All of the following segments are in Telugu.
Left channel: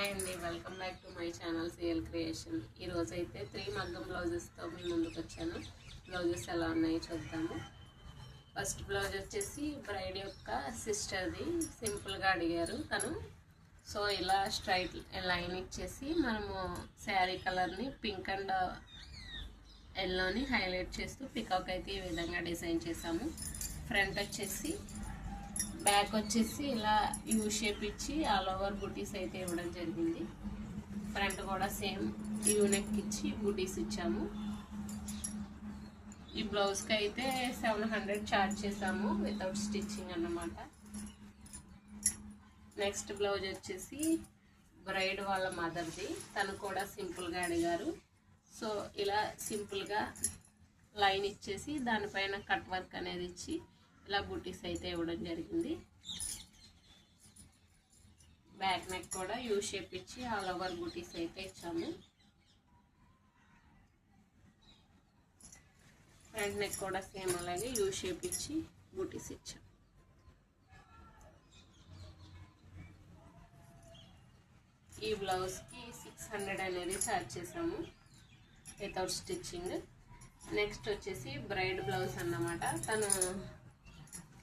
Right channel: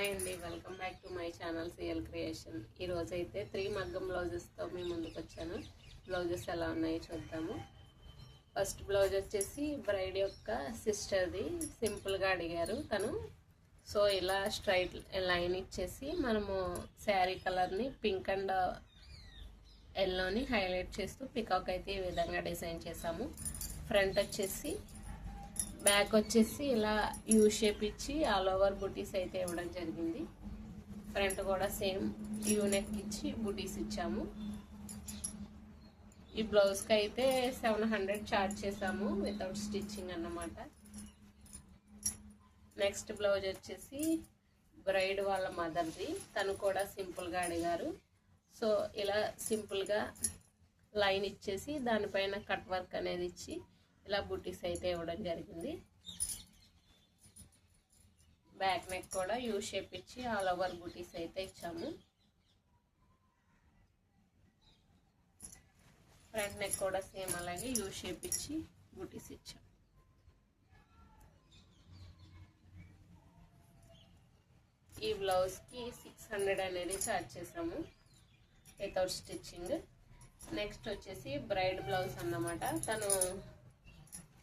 హాయ్ అండి, welcome back to my channel CL creation. ఈరోజు అయితే 3 మగ్గం బ్లౌజెస్తో మీ ముందుకు వచ్చాను. బ్లౌజెస్ ఎలా ఉన్నాయో చూద్దాము. ఫస్ట్ బ్లౌజ్ వచ్చేసి బ్రైడ్ యొక్క సిస్టర్ది, సింపుల్గా అడిగారు తను. సో ఇలా స్ట్రైట్ లైన్ ఇచ్చేసి మనము శారీ కలర్ని పింక్ అండ్ ఎల్లోని హైలైట్ చేస్తూ పికాక్ అయితే ఈ విధంగా డిజైన్ చేసాము. ఫ్రంట్ వచ్చేసి బ్యాక్ వచ్చేసి ఇలా యూ షేప్ ఇచ్చి ఆల్ ఓవర్ బుటీస్ అయితే ఇవ్వడం జరిగింది. ఫ్రంట్ కూడా సేమ్ యూ నెక్ ఇచ్చి బుటీస్ ఇచ్చాము. ఈ బ్లౌజ్కి అయితే 700 ఛార్జ్ చేసాము వితౌట్ స్టిచ్చింగ్ అన్నమాట. నెక్స్ట్ బ్లౌజ్ వచ్చేసి బ్రైడ్ వాళ్ళ మదర్ది, తను కూడా సింపుల్గా అడిగారు. సో ఇలా సింపుల్గా లైన్ ఇచ్చేసి దానిపైన కట్ వర్క్ అనేది ఇచ్చి ఇలా బుటీస్ అయితే ఇవ్వడం జరిగింది. బ్యాక్ నెక్ కూడా యూ షేప్ ఇచ్చి ఆల్ ఓవర్ బుటీస్ అయితే ఇచ్చాము. ఫ్రంట్ నెక్ కూడా సేమ్ అలాగే యూ షేప్ ఇచ్చి బుటీస్ ఇచ్చాము. ఈ బ్లౌజ్కి 600 అనేది ఛార్జ్ చేసాము వితౌట్ స్టిచ్చింగ్. నెక్స్ట్ వచ్చేసి బ్రైడ్ బ్లౌజ్ అన్నమాట. తను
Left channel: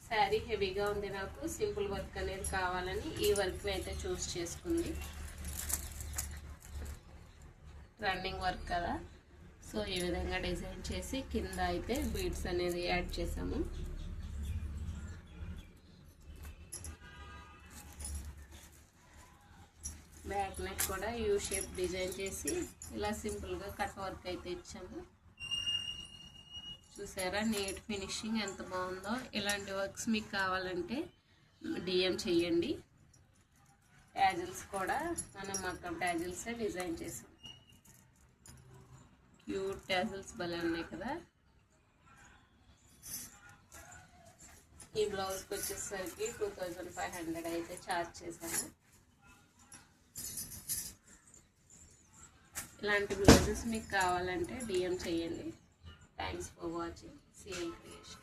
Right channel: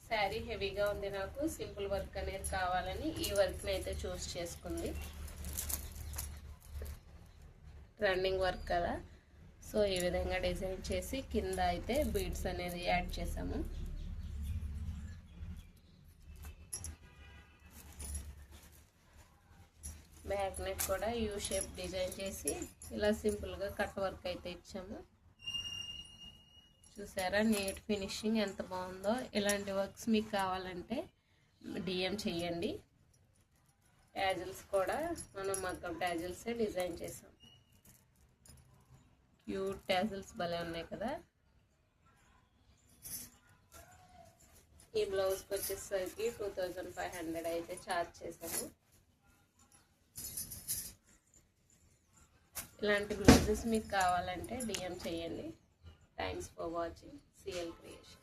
శారీ హెవీగా ఉంది, నాకు సింపుల్ వర్క్ అనేది కావాలని ఈ వర్క్ని అయితే చూస్ చేసుకుంది. రన్నింగ్ వర్క్ కదా, సో ఈ విధంగా డిజైన్ చేసి కింద అయితే బీడ్స్ అనేది యాడ్ చేసాము. బ్యాక్ నెక్ కూడా యూ షేప్ డిజైన్ చేసి ఇలా సింపుల్గా కట్ వర్క్ అయితే ఇచ్చాము. చూసారా నీట్ ఫినిషింగ్ ఎంత బాగుందో. ఇలాంటి వర్క్స్ మీకు కావాలంటే డిఎం చేయండి. ట్యాజిల్స్ కూడా మనం మొత్తం ట్యాజిల్సే డిజైన్ చేసాం. క్యూట్ ట్యాజిల్స్ భలే ఉన్నాయి కదా. ఈ బ్లౌజ్కి వచ్చేసరికి 2500 అయితే ఛార్జ్ చేశాను. ఇలాంటి బ్లౌజెస్ మీకు కావాలంటే డిఎం చేయండి. Thanks for watching CL Creation.